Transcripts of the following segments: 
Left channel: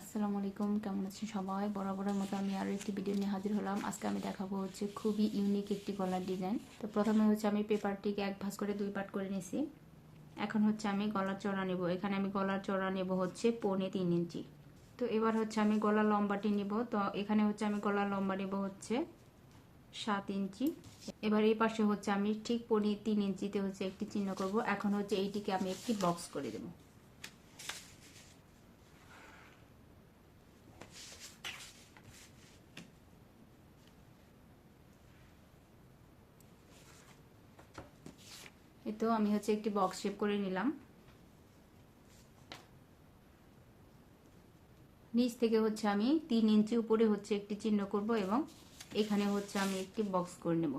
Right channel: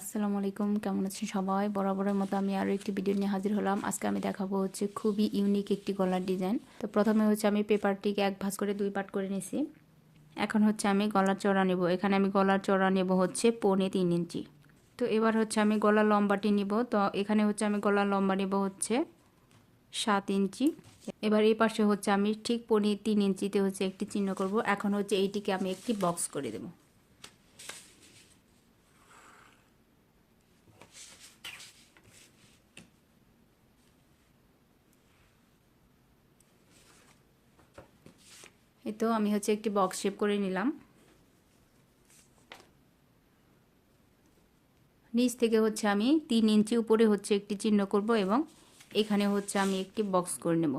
আসসালামু আলাইকুম, কেমন আছেন সবাই? বরাবরের মতো আমি আরও একটি ভিডিও নিয়ে হাজির হলাম। আজকে আমি দেখাবো হচ্ছে খুবই ইউনিক একটি গলার ডিজাইন। তো প্রথমে হচ্ছে আমি পেপারটিকে এক ভাঁজ করে দুই পার্ট করে নিয়েছি। এখন হচ্ছে আমি গলার চওড়া নেব। এখানে আমি গলার চওড়া নেব হচ্ছে 3.25 ইঞ্চি। তো এবার হচ্ছে আমি গলার লম্বাটি নিব। তো এখানে হচ্ছে আমি গলার লম্বা নেব হচ্ছে 7 ইঞ্চি। এবার এই পাশে হচ্ছে আমি ঠিক 3.25 ইঞ্চিতে হচ্ছে একটি চিহ্ন করব। এখন হচ্ছে এইটিকে আমি একটি বক্স করে দেব। এই তো আমি হচ্ছে একটি বক্স শেপ করে নিলাম। নিচ থেকে হচ্ছে আমি 3 ইঞ্চি উপরে হচ্ছে একটি চিহ্ন করব এবং এখানে হচ্ছে আমি একটি বক্স করে নেব।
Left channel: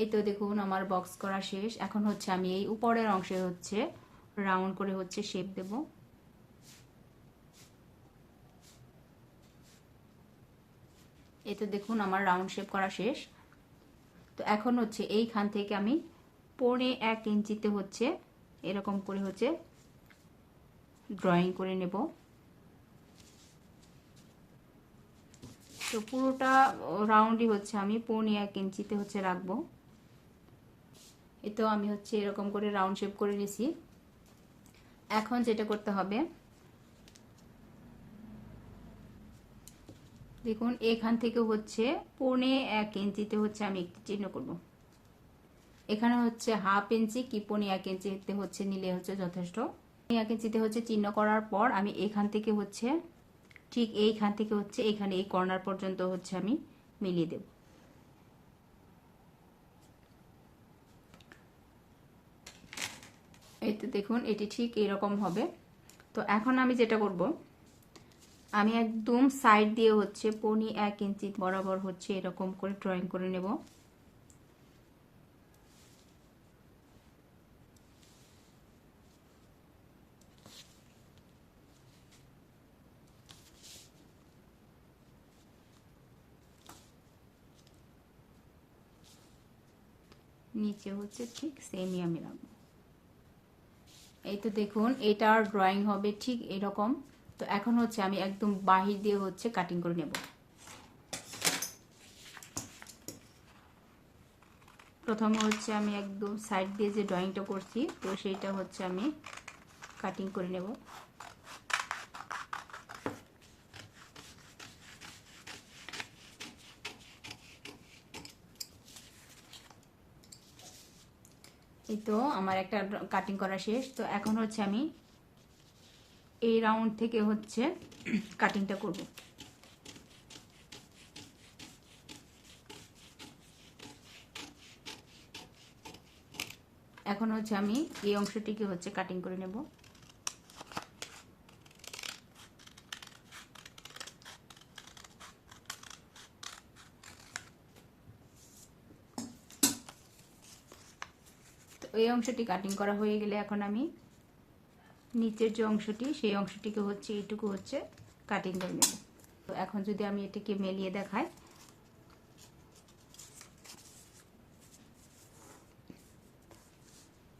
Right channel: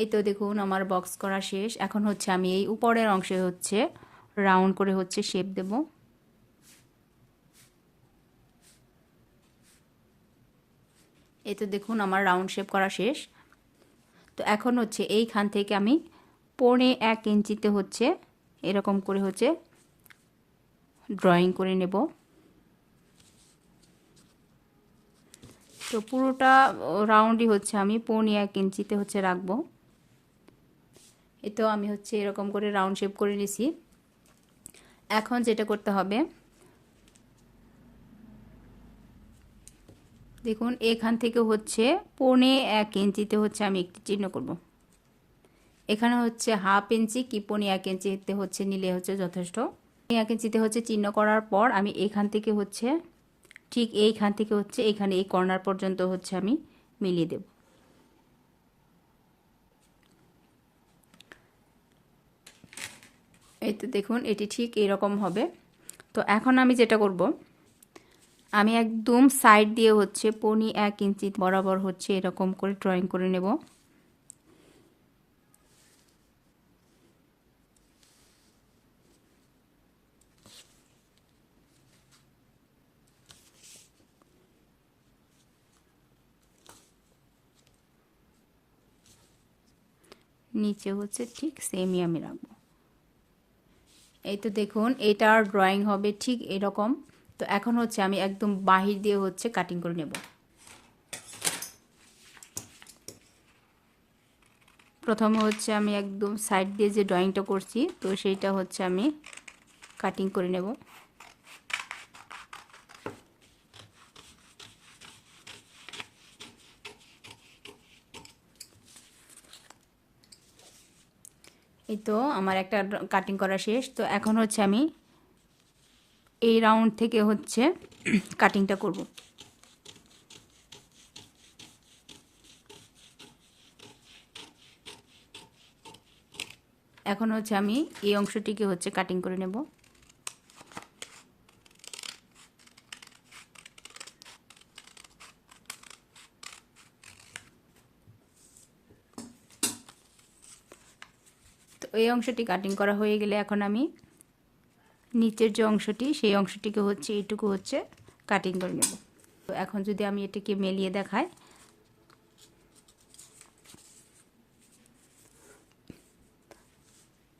এই তো দেখুন আমার বক্স করা শেষ। এখন হচ্ছে আমি এই উপরের অংশে হচ্ছে রাউন্ড করে হচ্ছে শেপ দেব। এই তো দেখুন আমার রাউন্ড শেপ করা শেষ। তো এখন হচ্ছে এইখান থেকে আমি 1.25 ইঞ্চিতে হচ্ছে এরকম করে হচ্ছে ড্রয়িং করে নেব। তো পুরোটা রাউন্ডই হচ্ছে আমি 1.25 ইঞ্চিতে হচ্ছে রাখবো। এই তো আমি হচ্ছে এরকম করে রাউন্ড শেপ করে নিয়েছি। এখন যেটা করতে হবে, দেখুন এখান থেকে হচ্ছে 1.25 ইঞ্চিতে হচ্ছে আমি একটি চিহ্ন করব। এখানে হচ্ছে 1/2 ইঞ্চি কি 1.25 ইঞ্চিতে হচ্ছে নিলে হচ্ছে যথেষ্ট। 1 ইঞ্চিতে হচ্ছে চিহ্ন করার পর আমি এখান থেকে হচ্ছে ঠিক এইখান থেকে হচ্ছে এখানে এই কর্নার পর্যন্ত হচ্ছে আমি মিলিয়ে দেব। এই তো দেখুন এটি ঠিক এরকম হবে। তো এখন আমি যেটা করব, আমি একদম সাইড দিয়ে হচ্ছে 1.25 ইঞ্চি বরাবর হচ্ছে এরকম করে ড্রয়িং করে নেব। নিচে হচ্ছে ঠিক সেমই আমি রাখবো। এই তো দেখুন এটার ড্রয়িং হবে ঠিক এরকম। তো এখন হচ্ছে আমি একদম বাহির দিয়ে হচ্ছে কাটিং করে নেব। প্রথমে হচ্ছে আমি একদম সাইড দিয়ে যে ড্রয়িংটা করছি তো সেইটা হচ্ছে আমি কাটিং করে নেব। এই তো আমার একটা কাটিং করা শেষ। তো এখন হচ্ছে আমি এই রাউন্ড থেকে হচ্ছে কাটিংটা করব। এখন হচ্ছে আমি এই অংশটিকে হচ্ছে কাটিং করে নেব। তো এই অংশটি কাটিং করা হয়ে গেলে এখন আমি নিচের যে অংশটি সেই অংশটিকে হচ্ছে এইটুকু হচ্ছে কাটিং করে নেব। তো এখন যদি আমি এটাকে মেলিয়ে দেখাই,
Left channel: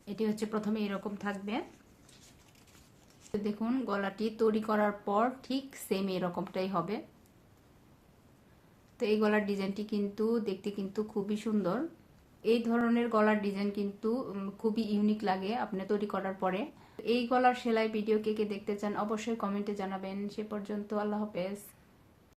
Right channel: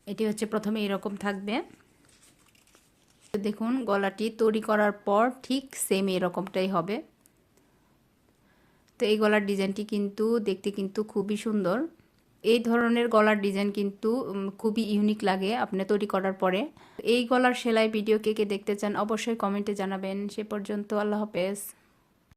এটি হচ্ছে প্রথমে এরকম থাকবে। দেখুন গলাটি তৈরি করার পর ঠিক সেম এরকমটাই হবে। তো এই গলার ডিজাইনটি কিন্তু দেখতে কিন্তু খুবই সুন্দর। এই ধরনের গলার ডিজাইন কিন্তু খুবই ইউনিক লাগে আপনি তৈরি করার পরে। এই গলার সেলাই ভিডিও কে কে দেখতে চান অবশ্যই কমেন্টে জানাবেন। সে পর্যন্ত আল্লাহ হাফেজ।